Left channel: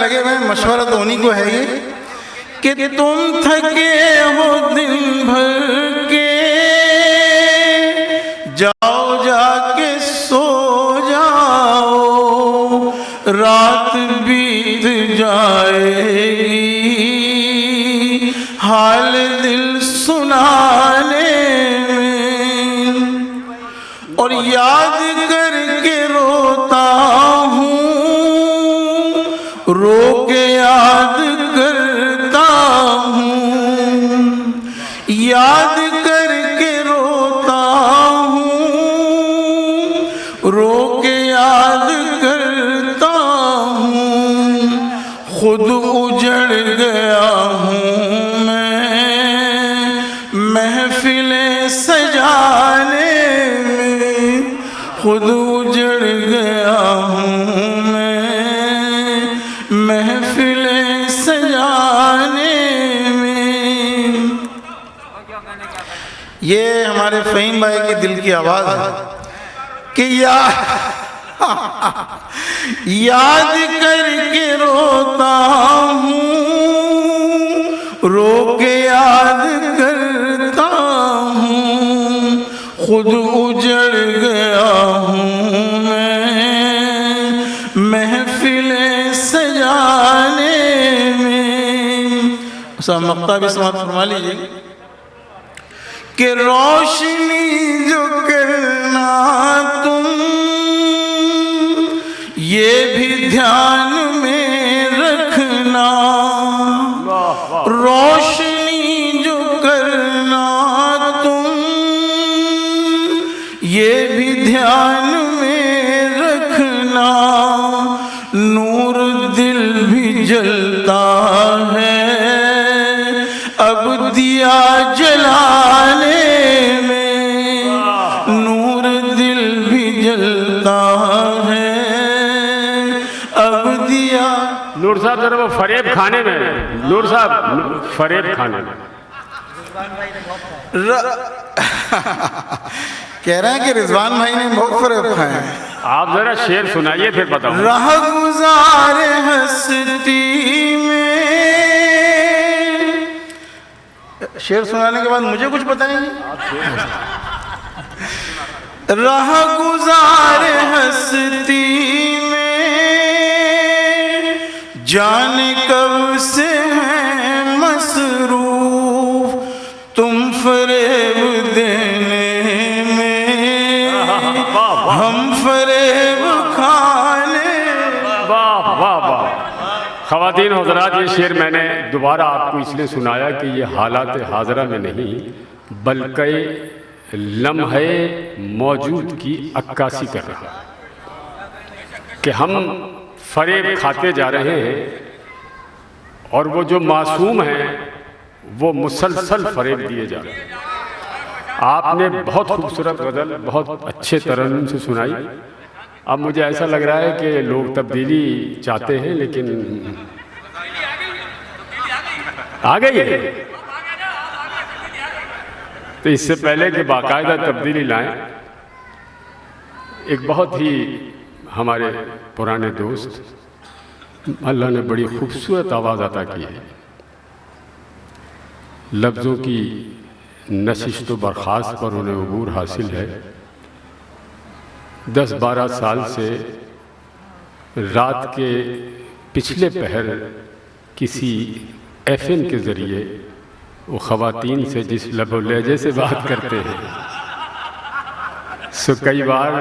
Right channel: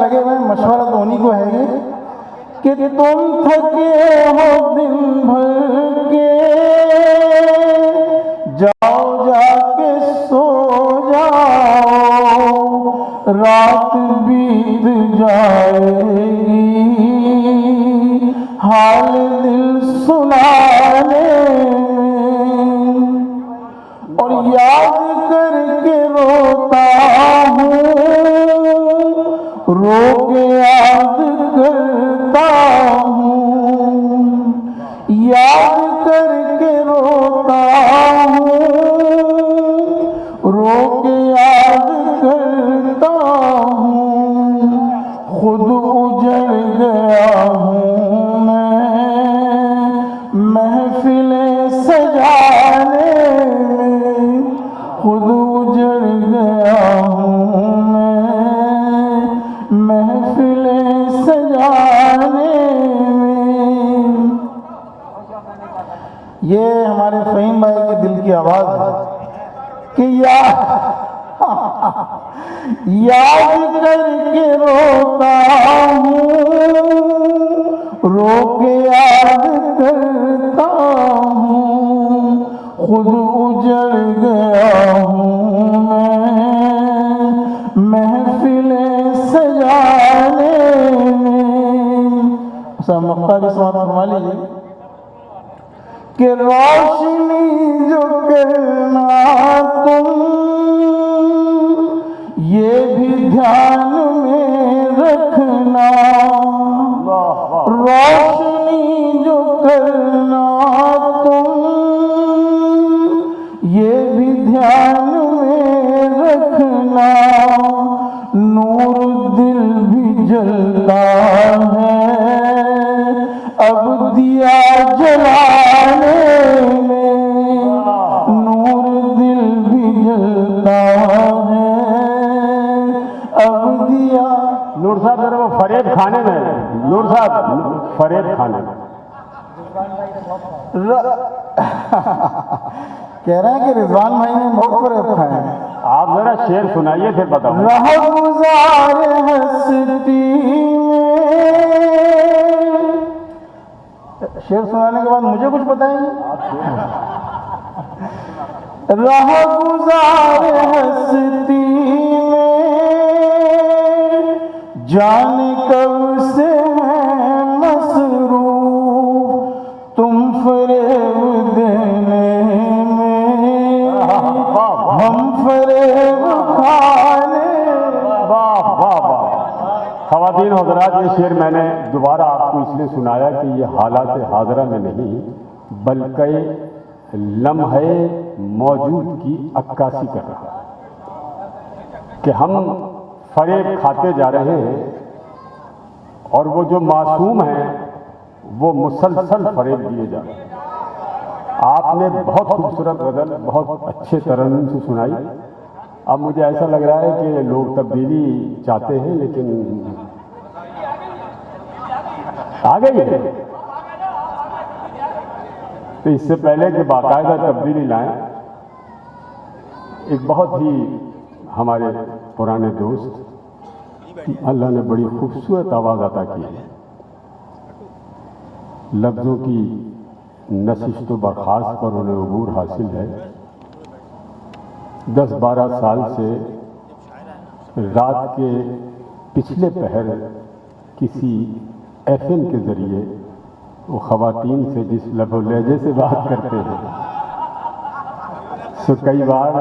लगे हुए मशवरा तो उन्हीं को है ये कि तुम थके हो दिन भर के, जाओ जाके सो जाओ, रात बीत जाएगी, हाल दिल सुनाने में। और याद करके रोता हूँ, रो के याद करता हूँ, याद करके रोता हूँ, रो के याद करता हूँ। खुद उजड़ गया हूँ मैं महफिलें सजाने में, खुद उजड़ गया हूँ मैं महफिलें सजाने में। ये हमारे फ़हीम भाई के दिल की आवाज़ है कि याद करके रोता हूँ, रो के याद करता हूँ, खुद उजड़ गया हूँ मैं महफिलें सजाने में। सब मक्ता भी समाप्त फरमा लीजिए कि रोशनी जो करना तुम, ये भी ध्यान में रखना, रोशनी जो करना तुम, ये भी ध्यान में रखना। नूर दिल भी जलता है अब दिया जलाने में, नूर दिल भी जलता है अब दिया। नूर साहब जरा वो फरेब खाने में, नूर साहब फरेब खाने में कह रहे हैं कि रिजवान भाई ने बहुत फरेब खाए हैं। आप जरा शेर सुनाइए फिर बताओ। रह गुजार हस्ती में, शेर सुनाने के बाद मुझे कुछ बताएंगे? रह गुजार हस्ती में, जाने कब से हैं मसरूफ तुम फरेब देने में, हम फरेब खाने। वाह वाह वाह। ख़वातीन हज़रात, ये शेर मैंने दोबारा आपको इसलिए सुनाया कि ये हालात हाज़रा में नहीं बल्कि लम्हे मौजूद की अक्कासी कर रहा है कि हम फरेब खाते जा रहे हैं और वो जो मासूम हैं वो मुसलसल फरेब दिए जा रहे हैं। आपने बहुत खूबसूरत गज़ल बहुत अच्छे तरन्नुम से सुनाई। अब मुझे ऐसा लग रहा है कि लोग तब्दीली चाहते हैं लेकिन आ गई है, तो इससे पहले कि बाकायदा तब्दीली लाएं, एक बहुत ही हमारे पुराने दोस्त, अल्लाह ने बड़ी खूबसूरत आवाज़ अता की है, लफ्ज़ों की नशिस्त व बर्खास्त पर उन्हें अबूर हासिल है। 10-12 साल से रात के पिछले पहर किसी FM के ज़रिए वो ख़वातीन से जिस लबो लहजे से बात करते हैं, सो कई बार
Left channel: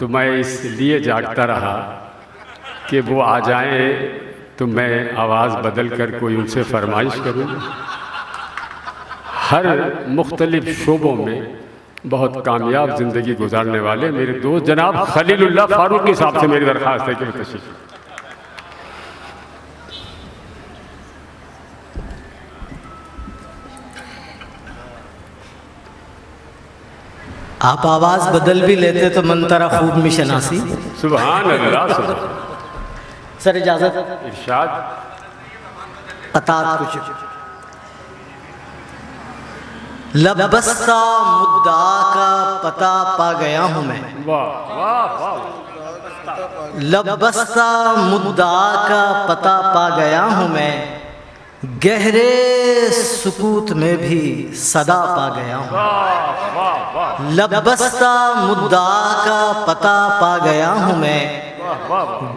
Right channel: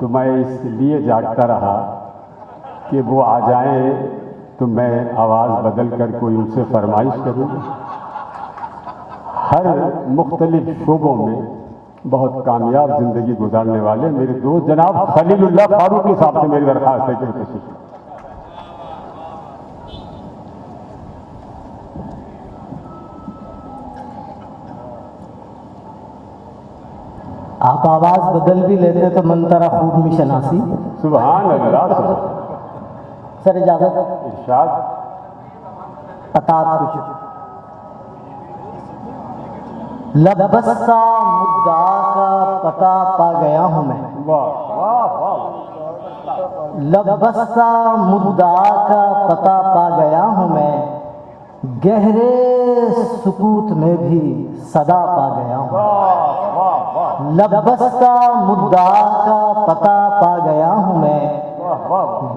तो मैं इसलिए जागता रहा कि वो आ जाए तो मैं आवाज़ बदल कर कोई उनसे फरमाइश करूँ। हर मुख्तलिफ शोबों में बहुत कामयाब ज़िंदगी गुजारने वाले मेरे दोस्त जनाब खलीलुल्लाह फारूकी साहब से मेरी दरख्वास्त है कि तशरीफ। आप आवाज बदल भी लेते तो मंतरा खूब में शनासी। सुभान अल्लाह। सर इजाजत, इरशाद। अतात कुछ लबस्ता मुद्दा का पता पा गया हूं मैं। वाह वाह वाह। लबस्ता मुद्दा का पता पा गया हूँ मैं, गहरे सुकूत में भी सदा पा गया हूँ। लबस्ता मुद्दा का पता पा गया हूँ मैं,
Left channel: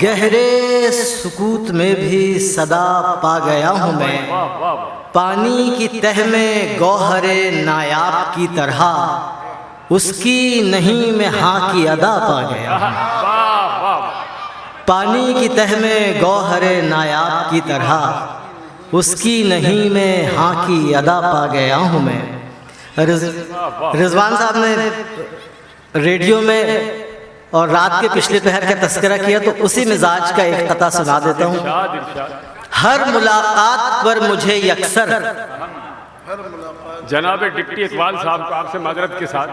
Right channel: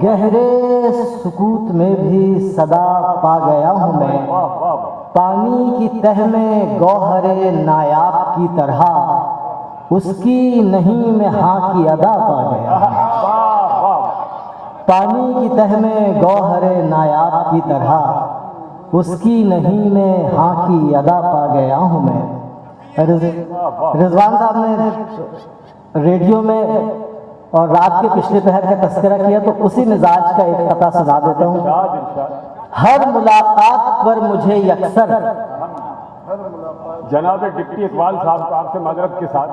गहरे सुकूत में भी सदा पा गया हूँ मैं। पानी की तह में गौहरे नायाब की तरह, उसकी नहीं में हाँ की अदा पा गया हूँ। पानी की तह में गौहरे नायाब की तरह, उसकी नहीं में हाँ की अदा पा गया हूँ मैं। रिजवान साहब ने रेडियो में और रात के पिछले पहर का तस्करा किया, तो उसी मिजाज का एक कता सुना देता हूँ। हर मुलाकात पर मुझे यकसर, जनाब डिप्टी इकबाल साहब को आपसे माजरत के साथ,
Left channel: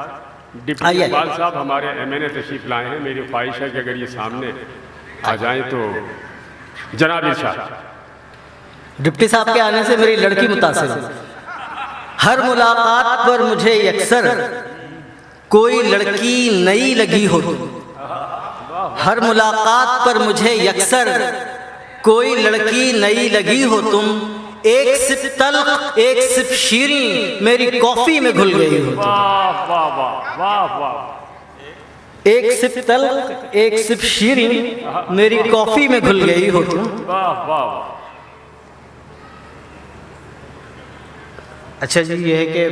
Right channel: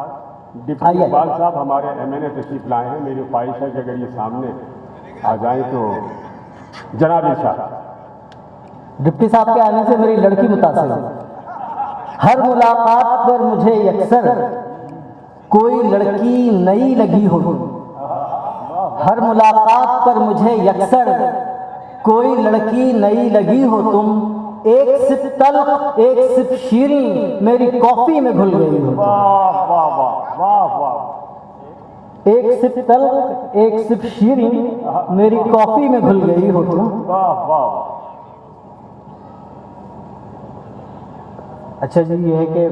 डिप्टी इकबाल साहब हमारे एमएनए तशरीफ लाए हैं। मेरी ख्वाहिश है कि अगर ये सामने आ जाएं तो जनाब इरशाद। डिप्टी साहब के आने से मेरी लड़की मुतासिर है। हर मुलाकात पर मुझे यकसर कोई लड़की नई लगी हो, हर मुलाकात पर मुझे यकसर कोई लड़की नई लगी हो तुम, एक सिप तल्ख एक सिप शीरीं मेरी कॉफी में घुल गई हो तुम। एक सिप तल्ख एक सिप शीरीं मेरी कॉफी में घुल गई हो तुम। अच्छा जी, ये है कि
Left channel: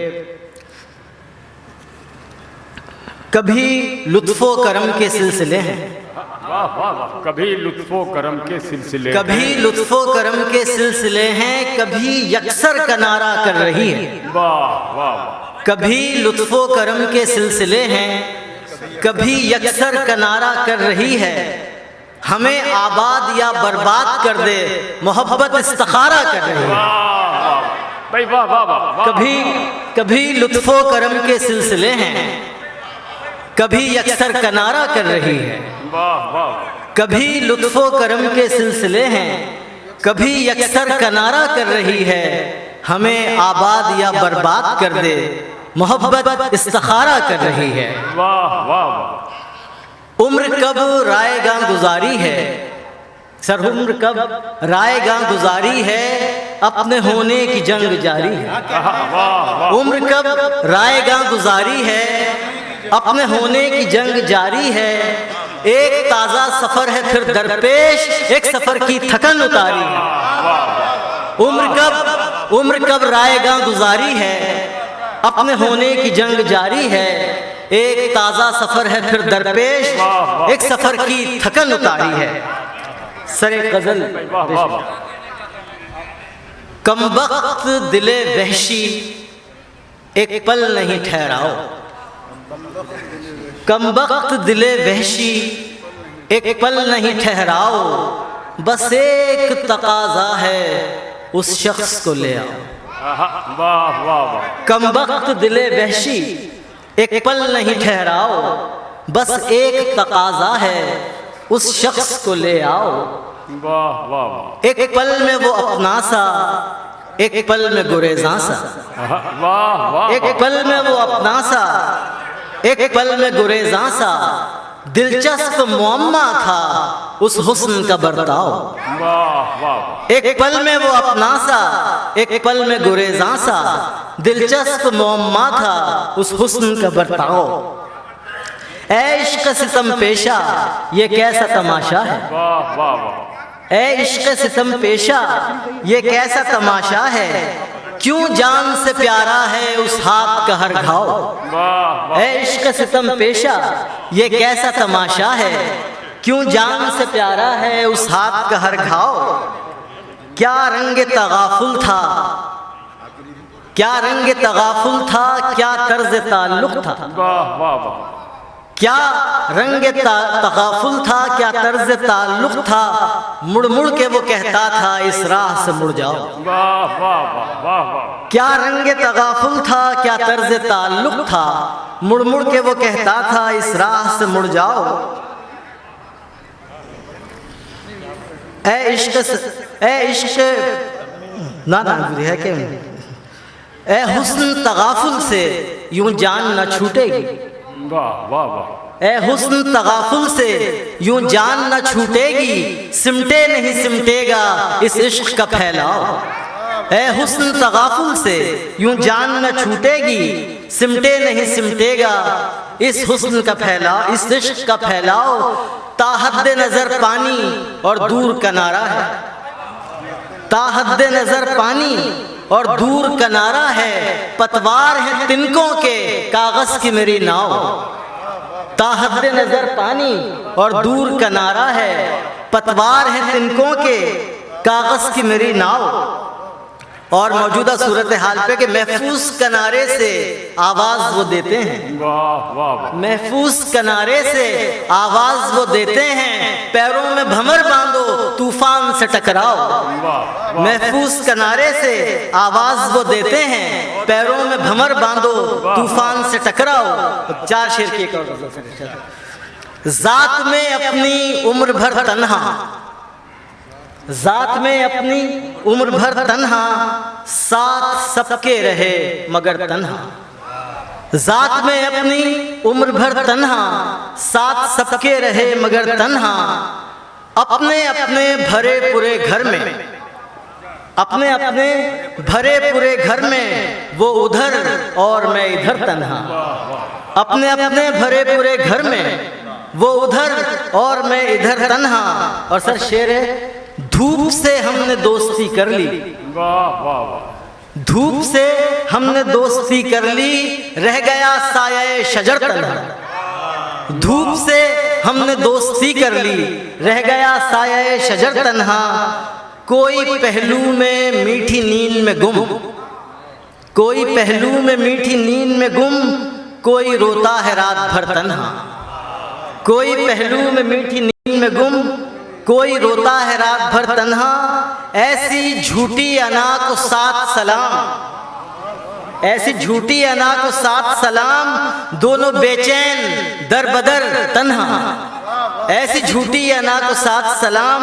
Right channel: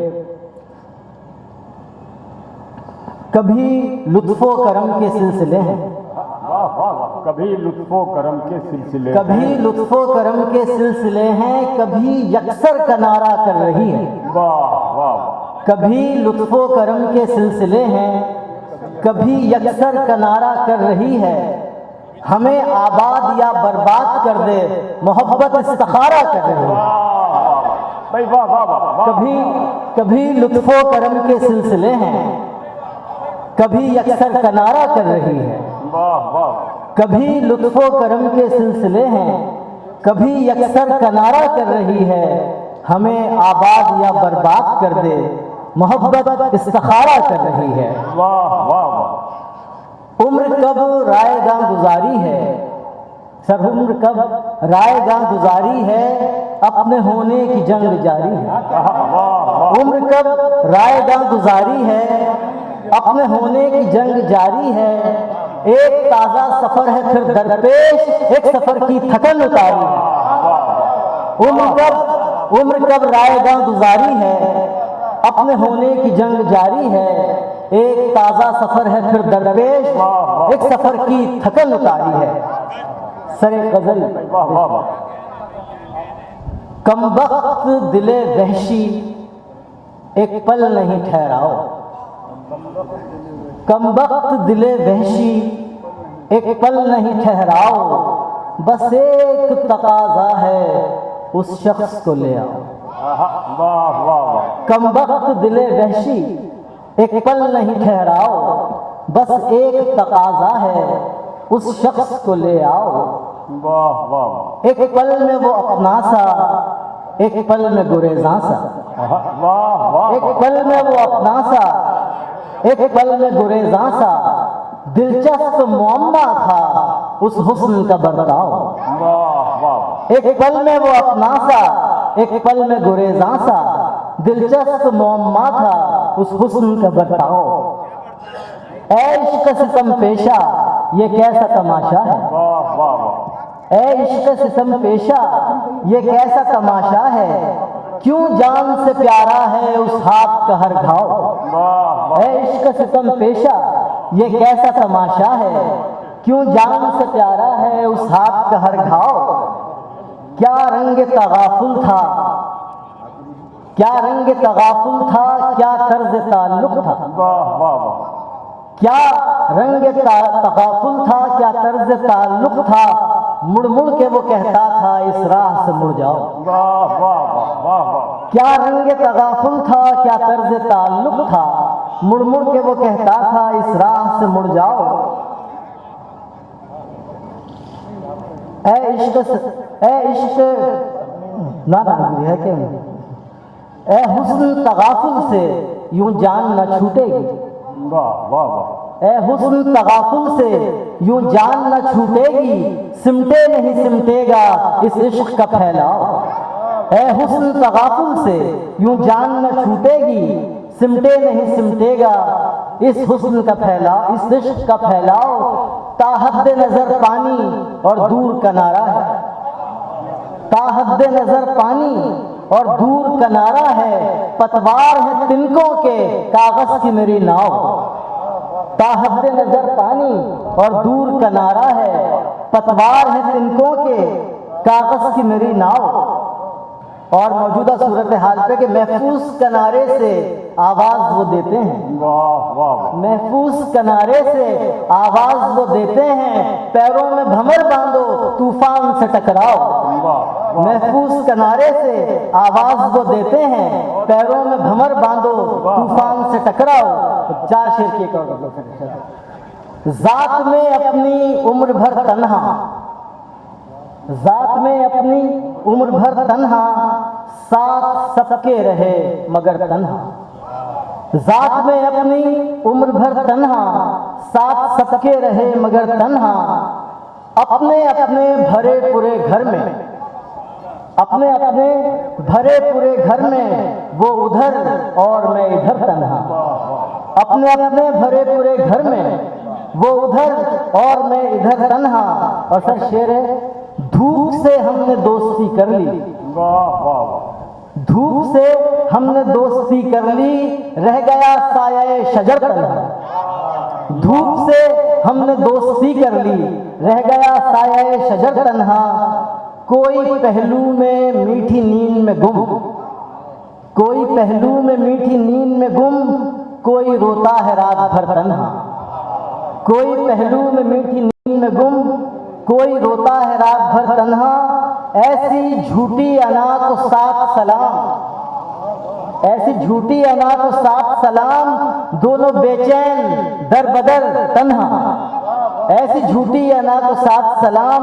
कभी लुत्फो करम के सिलसिले हैं, कभी लुत्फो करम के सिलसिले, कभी लुत्फो करम के सिलसिले हैं, कभी यकसर का नारा कर रही है। कभी लुत्फो करम के सिलसिले हैं, कभी यकसर का नारा कर रही है। हमें आबाद या बर्बाद कर दे मोहब्बत इस्तिखारा कर रही है। कभी कभी लुत्फो करम के सिलसिले हैं, कभी यकसर का नारा कर रही है। कभी लुत्फो करम के सिलसिले हैं, कभी यकसर का नारा कर रही है। हमें आबाद या बर्बाद कर दे मोहब्बत इस्तिखारा कर रही है। उम्र कब रायगां गुजारी है, सर उम्र कब रायगां गुजारी है, अपने होने की जंग जारी है। उम्र कब रायगां गुजारी है, अपने होने की जंग जारी है। एक ताजा सफर है फिर दरपेश, एक सफर की थकन उतारी है। उम्र कब रायगां गुजारी है, अपने होने की जंग जारी है। एक ताजा सफर है फिर दरपेश, एक सफर की थकन उतारी है। सरे गजल कमबख्त दिले वहशी एक पल नहीं ठहराओ, कमबख्त दिले वहशी एक पल नहीं ठहराओ। बस एक तकाजा है उस शख्स को ले आओ। कमबख्त दिले वहशी एक पल नहीं ठहराओ, बस एक तकाजा है उस शख्स को ले आओ। एक पल में वो अपना सा, एक पल में गुरेज़ां सा। एक पल में वो अपना सा, एक पल में गुरेज़ां सा। दिलचस्प मुअम्मा था उस हुस्न का बर्ताव। एक पल में वो अपना सा, एक पल में गुरेज़ां सा। दिलचस्प मुअम्मा था उस हुस्न का बर्ताव। ऐ इश्क़ सितम पेशा ये कैसा तमाशा है, ऐ इश्क़ सितम पेशा ये कैसा तमाशा है। क्यों जान से प्यारा है उस हाथ का हर घाव। ऐ इश्क़ सितम पेशा ये कैसा तमाशा है। क्यों जान से प्यारा है उस हाथ का हर घाव। क्या रंग तगाफुल था, क्या रंग तगाफुल था, क्या तर्ज ताल्लुक था। क्या रंग तगाफुल था, क्या तर्ज ताल्लुक था। मुड़ मुड़ के वो कहता था इस राह से मुड़ जाओ। क्या रंग तगाफुल था, क्या तर्ज ताल्लुक था। मुड़ मुड़ के वो कहता था इस राह से मुड़ जाओ। ऐ इश्क़ ना है कि ऐ हुस्न तगाफुल से यूं जान न छूटेगी। वाह वाह वाह। ए हुस्न तगाफुल से यूं जान न छूटेगी, सिमटे नहीं सिमटेगा इस इश्क का फैलाव। ए हुस्न तगाफुल से यूं जान न छूटेगी, सिमटे नहीं सिमटेगा इस हुस्न का फैलाव, इस इश्क का फैलाव। ताहद नजर पानी और दूर किनारा है, ताहद नजर पानी और दूर किनारा है, पतवार है तिनकों के कागज की मेरी नाव। ताहद नजर पानी और दूर किनारा है, पतवार है तिनकों के कागज की मेरी नाव। और मौजूदा सूरत हाल पे कि महफूज किनारे से आवाज वो देते हैं, वाह वाह, महफूज किनारे से आवाज वो देते हैं, पैरों में भंवर बांधो तूफान से टकराओ। महफूज किनारे से आवाज वो देते हैं, पैरों में भंवर बांधो तूफान से टकराओ। 4 शेर की एक और। जात में अपनी उम्र भर तन्हा, जात में अपनी उम्र भर तन्हा, साथ सबके रहे मगर तन्हा। जात में अपनी उम्र भर तन्हा, साथ सबके रहे मगर तन्हा। अपने अपने भरे पूरे घर में, अपने अपने भरे पूरे घर में वो उधर और मैं इधर तन्हा। अपने अपने भरे पूरे घर में वो उधर और मैं इधर तन्हा। और सर शेर है, धूप से हमने दोस्ती कर ली, वाह वाह, धूप से हमने दोस्ती कर ली, रह गया साया शजर तन्हा। धूप से हमने दोस्ती कर ली, रह गया साया शजर तन्हा। कोई पहलू में मीठी नींद में गुम, कोई पहलू में मीठी नींद में गुम, कोई रोता है रात भर तन्हा। कोई पहलू में मीठी नींद में गुम, कोई रोता है रात भर तन्हा। ऐसी झूठी अना को 7 सलाम, ऐसी झूठी अना को 7 सलाम, दोनों बेचैन दर बदर तन्हा। ऐसी झूठी अना को 7 सलाम,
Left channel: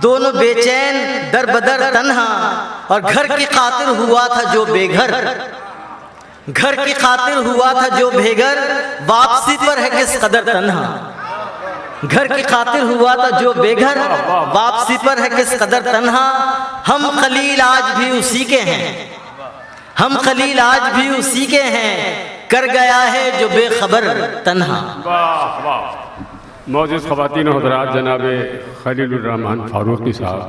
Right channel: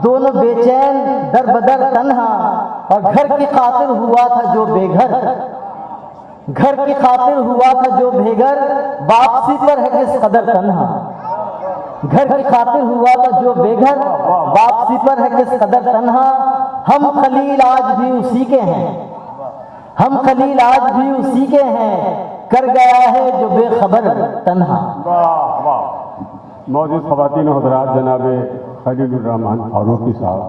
दोनों बेचैन दर बदर तन्हा। और घर की खातिर हुआ था जो बेघर, घर की खातिर हुआ था जो बेघर, वापसी पर है किस कदर तन्हा। घर की खातिर हुआ था जो बेघर, वापसी पर है किस कदर तन्हा। हम खलील आज भी उसी के हैं, हम खलील आज भी उसी के हैं, कर गया है जो बेखबर तन्हा। वाह वाह। मौजूद ख़वातीन और हज़रात, जनाब खलीलुर रहमान फारूकी साहब,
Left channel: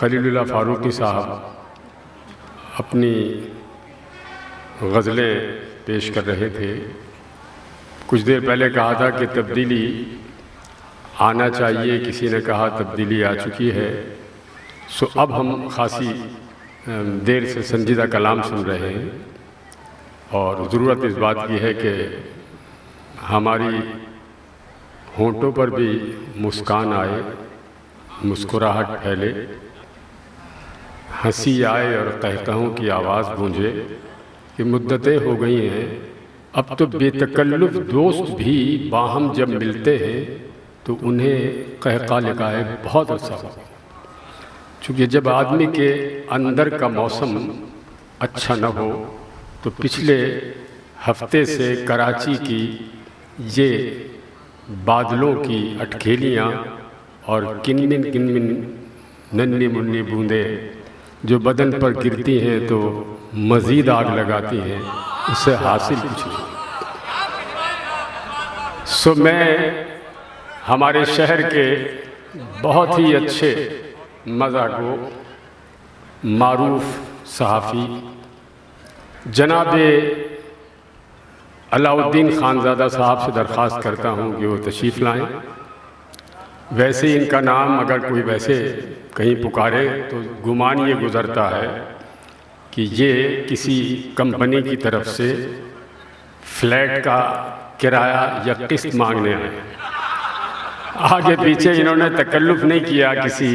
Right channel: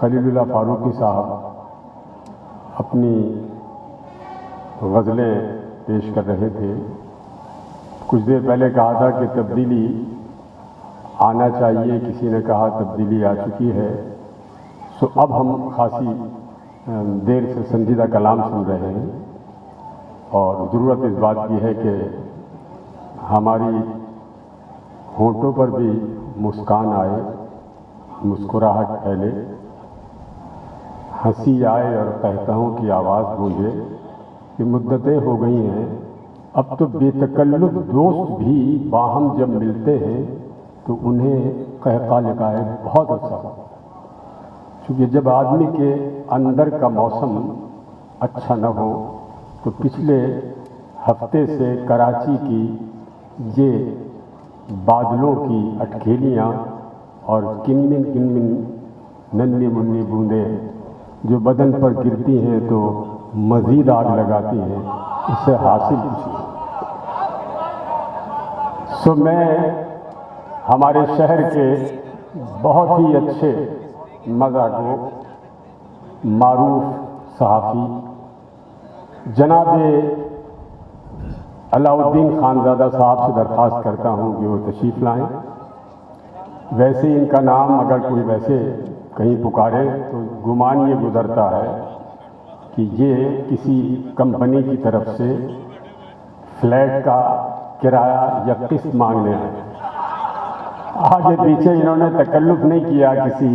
खलीलुल्लाह फारूकी साहब अपनी गज़लें पेश कर रहे थे। कुछ देर पहले कहा था कि तब्दीली आना चाहिए, किसी ने कहा तब्दीली आ चुकी है। सो अब हम खासी देर से संजीदा कलाम सुन रहे हैं और ज़रूरत इस बात की है कि हमारी होंठों पर भी मुस्कान आए, मुस्कुराहट फैले, हंसी आए और कहकहों की आवाज़ गूंजे कि मुद्दतें हो गई हैं, अब तो बेतकल्लुफ़ दोस्त भी बाहम जब मिलते हैं तो उन्हें कहका लगाए बहुत अच्छा हो। चूँकि जब आदमी के अंदर का मौसम अच्छा न हो तो पिछले हफ्ते से कराची की ये बादलों की अटखेलियाँ और किनमिन किनमिन नन्ही मुन्नी बूंदें जो बदन पर गिरती हैं तो मज़ीद आग लगाती हैं, उससे हासिल कुछ नहीं। सो मैं हमारे शहर के बहुत ही अच्छे मज़ाको मारूफ सहाफ़ी जनाब अलाउद्दीन खानज़ादा साहब से दरख्वास्त करता हूँ कि वो तशरीफ़ लाएँ। वैसे इनका नाम अगर कोई वैसे कहीं पुकारे तो गुमान ये गुज़रता है कि ये किसी कंपनी की तरफ से फ्लैट का किराया या किस्त मांगने आए। आगे पीछे इन्होंने तकल्लुफ़ नहीं किया किसी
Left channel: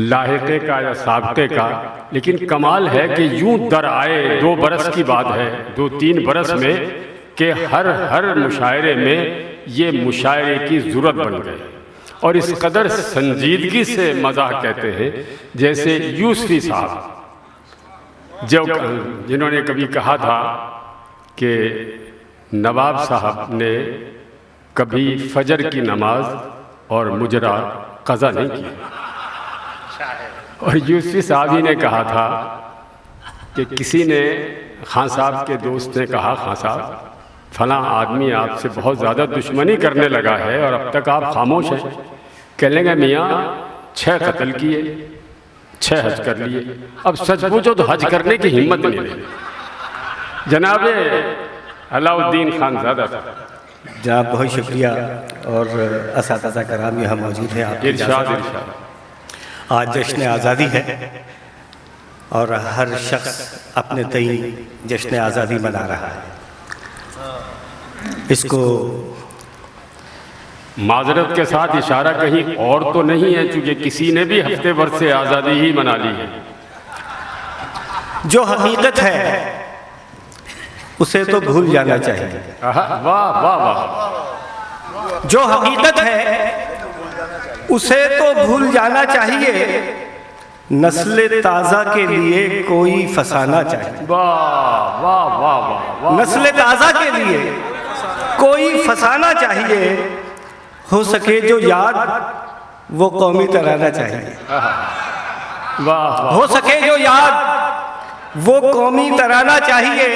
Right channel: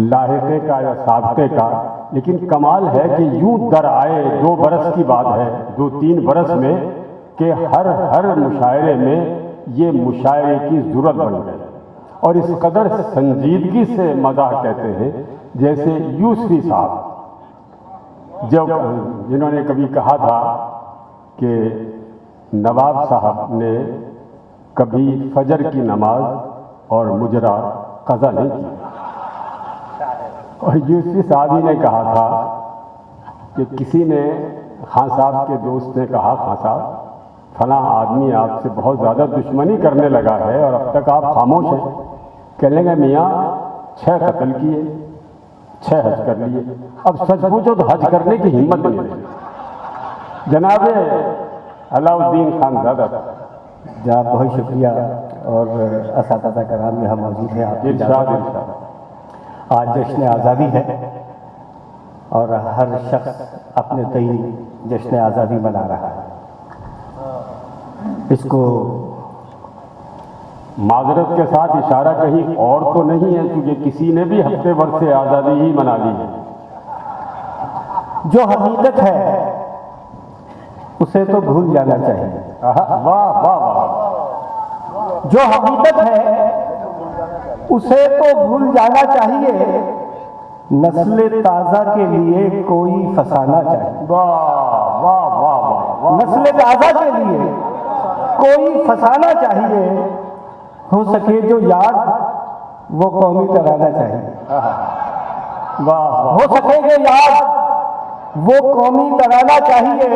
लाहिक़े का या साबिक़े का, लेकिन कमाल है कि यूं दर आए 2 बरस की बात है, 2-3 बरस में कि हर मुशायरे में ये मुशायरे की ज़रूरत बन गई और इस कदर संजीदगी से मज़ाक कहते हैं। जैसे यूसुफ़ी साहब जो जिन्होंने कभी कहा था कि नवाब साहब ने कभी फजर की नमाज और मुजरा कज़ा नहीं की। और यूसुफी साहब ही ने कहा था कि किसी ने खान साहब के दोस्त ने कहा, खान साहब फलां आदमी आपसे बहुत ज़्यादा दुश्मनी करने लगा है और अब तक आप खामोश हैं। कह लेंगे मियाँ 6 कत्ल किए, 6 हज कर लिए, अब सच पूछो तो हज करने की हिम्मत नहीं रही। जनाब अलाउद्दीन खानज़ादा जनाब बहुत शुक्रिया। और असातिज़ा कराम यहाँ मौजूद हैं आपकी इरशाद इजाज़त इरशाद। है। आज जश्न आज़ादी है और हर शख्स अपने तई जश्न आज़ादी मना रहा है। इसको माजरत के साथ इशारा कहीं और तो नहीं है, चूंकि किसी ने भी हफ्ते भर से आज़ादी ही मना ली है। जो हकीकत है उसे तो भूल जाना चाहिए। वाह वाह वाह। जो हकीकत है उसे तो भूल जाना चाहिए। नस्ल ताज़ा के लिए कोई फसाना चाहिए। वाह वाह वाह वाह। नस्ल ताज़ा के लिए कोई फसाना चाहिए। हो सके जो याद वो कौमी तराना चाहिए। वाह हो सके जो याद वो कौमी तराना चाहिए।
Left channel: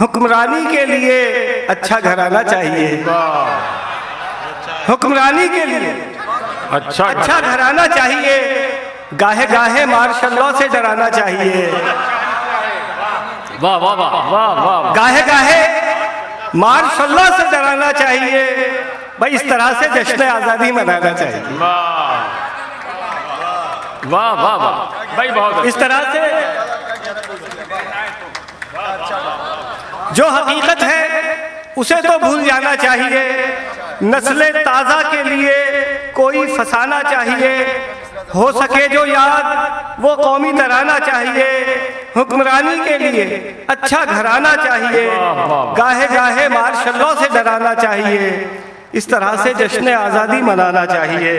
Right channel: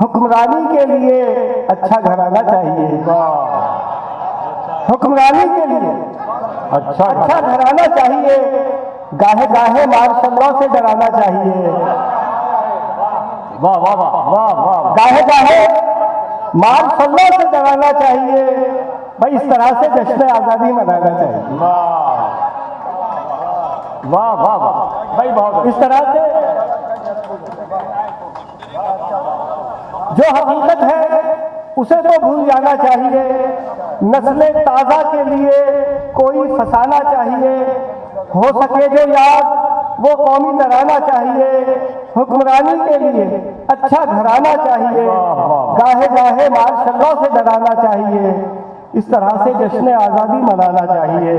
हुक्मरानी के लिए अच्छा घराना चाहिए। हुक्मरानी के लिए अच्छा घराना चाहिए। गाहे गाहे मार्शल्लाह से डराना चाहिए। वाह वाह वाह वाह वाह। गाहे गाहे मार्शल्लाह से डराना चाहिए। भाई इस तरह से जश्न आज़ादी मनाना चाहिए। वाह वाह वाह वाह भाई, बहुत इस तरह से जो हकीकत है उसे तो भूल जाना चाहिए। नस्ल ताज़ा के लिए कोई फसाना चाहिए। हो सके जो याद वो कौमी तराना चाहिए। हुक्मरानी के लिए अच्छा घराना चाहिए। गाहे गाहे मार्शल्लाह से डराना चाहिए। इस तरह से जश्न आज़ादी मनाना चाहिए।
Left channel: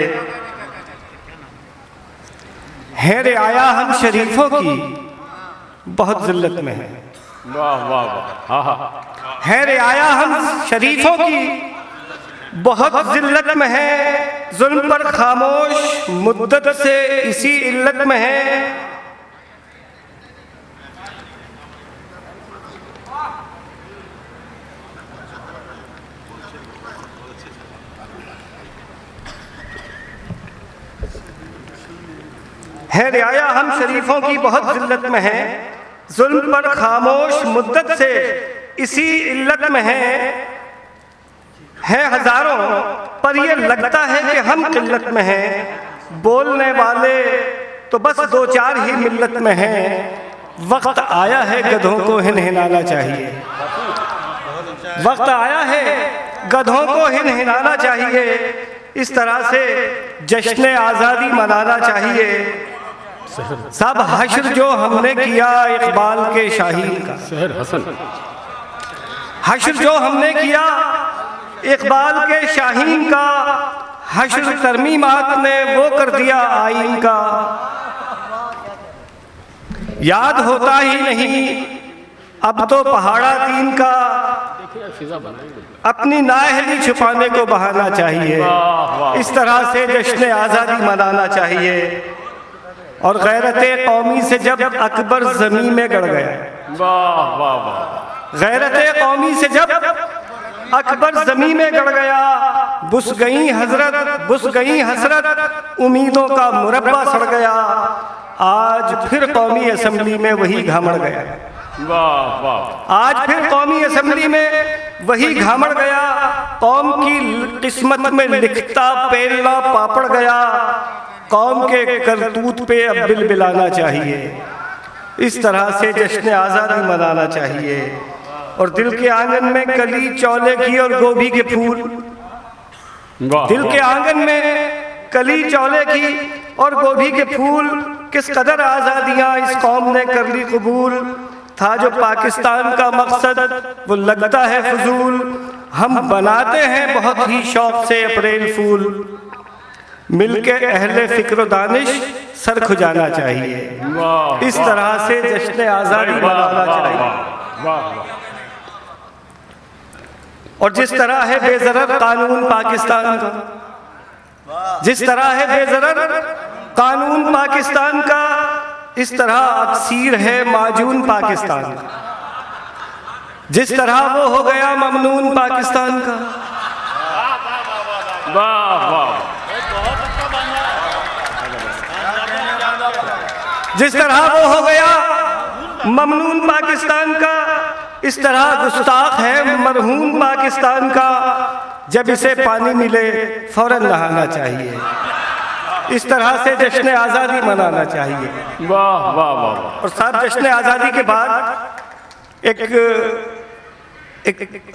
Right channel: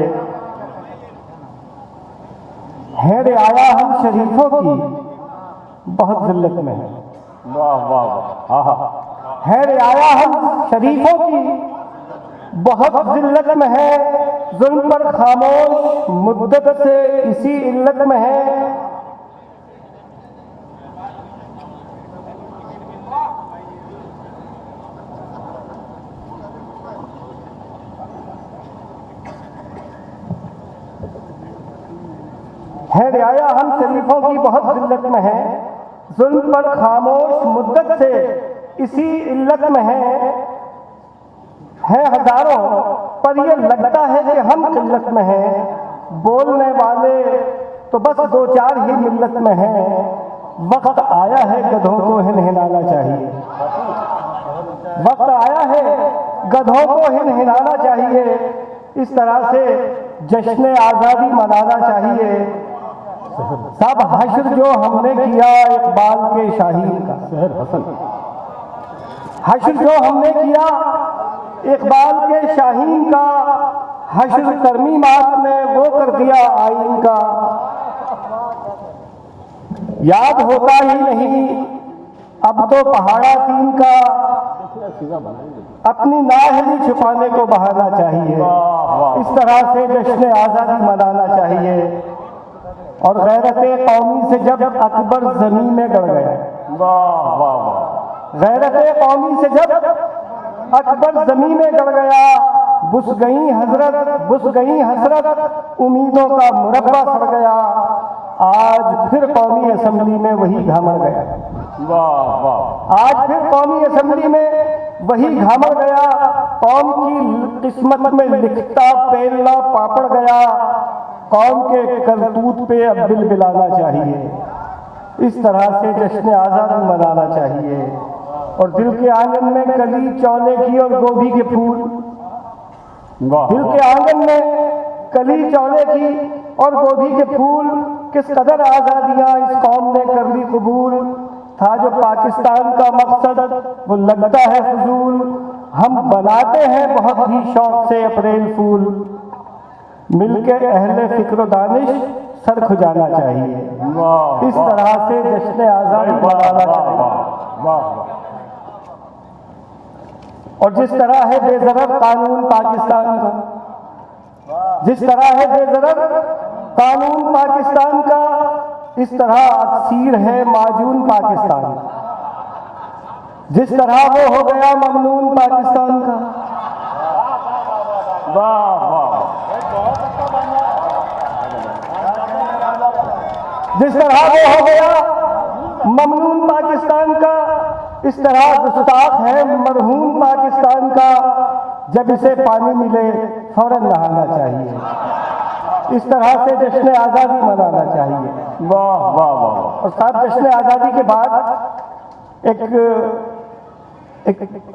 है रियाया हम शरीफों की बहुत जिल्लत में है। वाह वाह वाह। हाँ है रियाया हम शरीफों की बहुत जिल्लत में है। जुल्म पर खामोश मुद्दत से इसी इल्लत में है। है रियाया हम शरीफों की बहुत जिल्लत में है। जुल्म पर खामोश मुद्दत से इसी इल्लत में है हजारों पर ये लगता है कि हम किल्लत में हैं। बोलने वाले तो बस 2-4 ही मिल्लत में हैं। वक्त आया है गधों को हिनहिनाना चाहिए। वक्त आया है गधों को हिनहिनाना चाहिए। इस तरह से जश्न आज़ादी मनाना चाहिए। सब हश्र जो हमने किया इकबाल के शाहीन का। शहर हसन। हश्र जो हमने किया इकबाल के शाहीन का। हश्र तरमीमात ने वो कर दिया आईन का। याद होता ही नहीं अब तो पहाड़ा तीन का। अपनी नाअहली छुपाने को बहाना चाहिए। इस तरह से जश्न आज़ादी मनाना चाहिए। और गैरत कौमी से जब अकबर ज़मीन में गड़ गया। वाह वाह वाह। गैरत कौमी से जब अकबर ज़मीन में गड़ गया। बुस गई हसरत उम्मीदों का मुरब्बा सड़ गया। आज फिर कौमी असम्बली में वही घामड़ गया। वाह वाह। आज फिर कौमी असम्बली में वही घामड़ गया। कौम की किस्मत में लिखता पेलना पापड़ गया। कौम के करतूत पे अब बिलबिलाना चाहिए। इस तरह से जश्न आज़ादी मनाना चाहिए। और दिल के आंगन में कली चौले की और गोभी के फूल। दिल के आंगन में कली चौले की और गोभी के फूल। किस कदर आज़ादियाँ इस कौम ने कर ली कबूल। था जो पाकिस्तान का मकसद वो लगता है फजूल। हम बनाते हैं बहुत ही शौक से अप्रैल फूल। मिलके अहले फिक्र दानिश सर खुजाना चाहिए। इस तरह से जश्न आज़ादी मनाना चाहिए। और जिस तरह है बेज़रर कानून पाकिस्तान का, जिस तरह है बेज़रर कानून पाकिस्तान का, इस तरह अक्सीर है माजून पाकिस्तान का। जिस तरह वो हो गया ममनून पाकिस्तान का। वाह वाह, जिस तरह वो हो गया ममनून पाकिस्तान का, इस तरह गुस्ताख है मरहूम पाकिस्तान का। जब इसे पानी मिले फौरन नहाना चाहिए, इस तरह से जश्न आज़ादी मनाना चाहिए। वाह वाह वाह। और साथ जश्न आज़ादी के बाद एक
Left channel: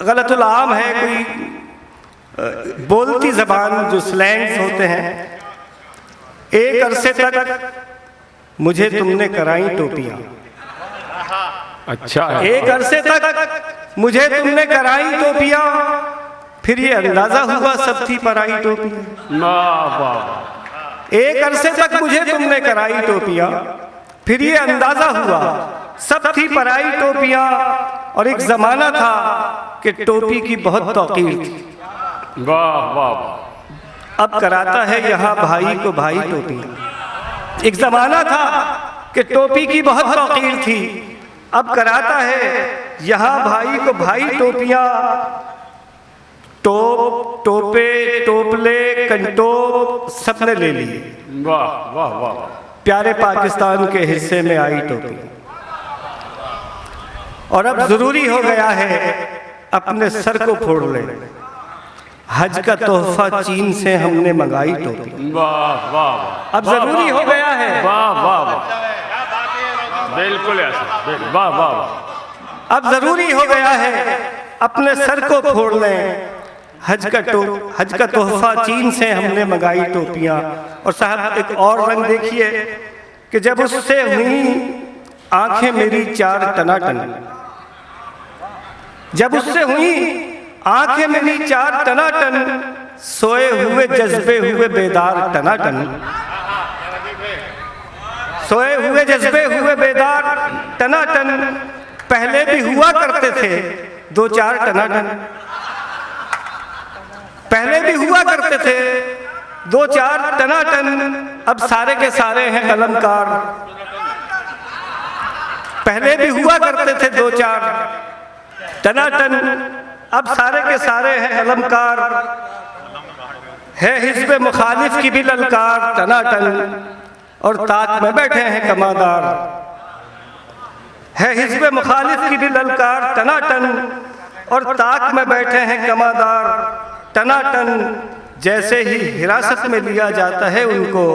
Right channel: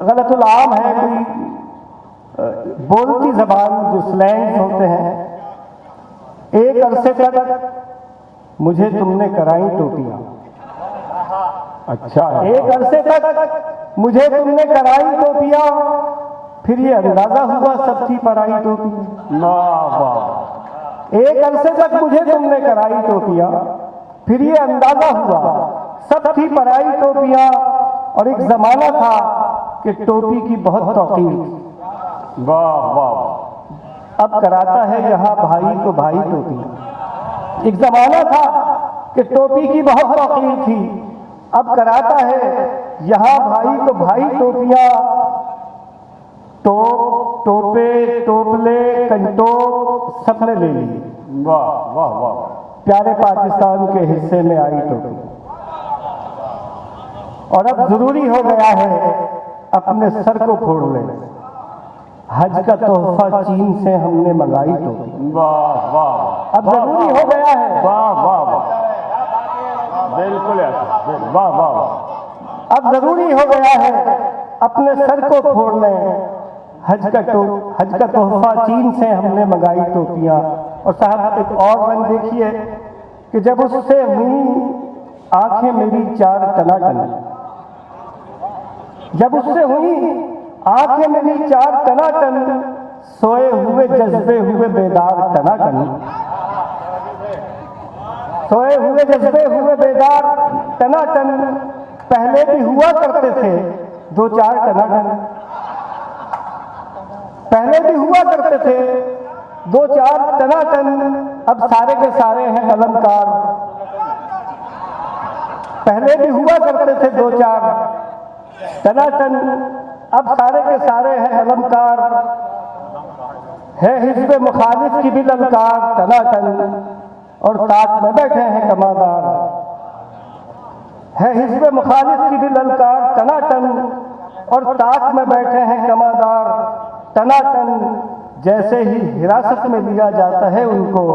गलतुल आम है, कोई बोलती ज़बान जो स्लैंग्स होते हैं। एक अरसे तक मुझे तुमने कराई टोपियाँ, अच्छा है। एक अरसे तक मुझे तुमने कराई टोपियाँ, फिर ये अंदाजा हुआ सब थी पराई टोपियाँ। वाह वाह। एक अरसे तक मुझे तुमने कराई टोपियाँ, फिर ये अंदाजा हुआ सब थी पराई टोपियाँ। और एक जमाना था कि टोपी की बहुत तौकीर थी। वाह वाह। अब कराता है यहाँ भाई को भाई टोपियाँ। एक जमाना था कि टोपी की बहुत तौकीर थी, अब कराता है यहाँ भाई को भाई टोपियाँ। टोप, टोपे, टोपले, कंटोप सबने ले लिए। वाह वाह वाह। प्यारे पाकिस्तान के हिस्से में आई टोपी। और अब जरूरी हो गया है अपने सर को फोड़ ले। हज का तोहफा चीन से हमने मंगाई टोपी। वाह वाह। अब जरूरी हो गया है। वाह वाह वाह, बिल्कुल ऐसा। वाह वाह वाह। अब जरूरी हो गया है अपने सर को फोड़ लें। हज का तोहफा चीन से हमने मंगाई टोपियाँ। और साहब एक और रंग देखिए कि जब उससे हुई आंखें मेरी चार टनाटन, जब उससे हुई आंखें मेरी चार टनाटन, सोए हुए जज्बे हुए बेदार टनाटन, सोए हुए जज्बे हुए बेदार टनाटन। पहले भी हुआ करते थे दो चार टनाटन, पहले भी हुआ करते थे दो चार टनाटन। अब सारे के सारे हैं अलंकार। पहले भी हुआ करते थे दो चार टनाटन, अब सारे के सारे हैं अलंकार। है हिज़्ब मुखालिफ की भी ललकार टनाटन, और ताक में बैठे हैं कमादार। है हिज़्ब मुखालिफ की भी ललकार टनाटन, और ताक में बैठे हैं कमादार टनाटन। जैसे ही हिरासत में लिया जाता है उनको,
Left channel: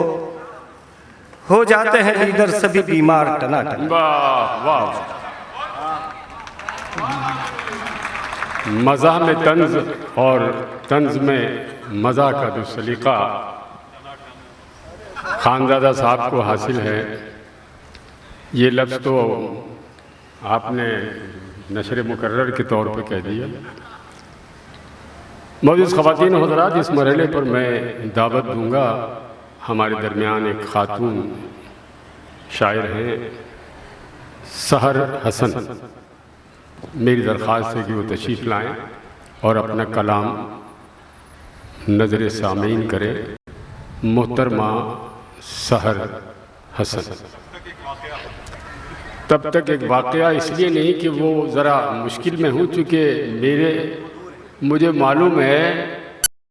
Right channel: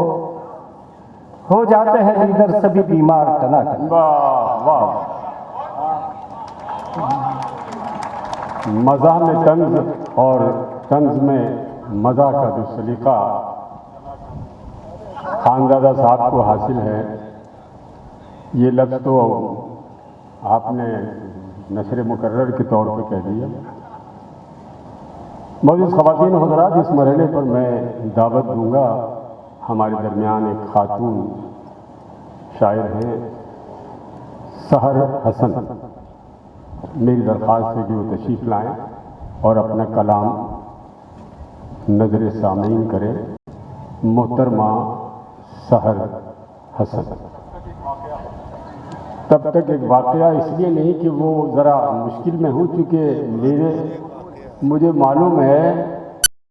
हो जाते हैं लीडर सभी बीमार टनाटन। वाह वाह। मज़ा में तंज और तंज में मज़ा का जो सलीका खानज़ादा साहब को हासिल है, ये लफ्ज़ तो आपने नशर मुकर्रर के तौर पे कह दिया। मौजूद ख़वातीन और हज़रात, इस मरहले पर मैं दावत दूँगा। हमारे दरमियान एक ख़ातून शायर हैं सहर हसन। मेरी दरख्वास्त है कि वो तशरीफ़ लाएँ और अपना कलाम नज़र सामीन करें। मोहतरमा सहर हसन। तब तक एक वाक़या इसलिए नहीं कि वो ज़रा मुश्किल में हूँ, चूँकि मुझे मालूम है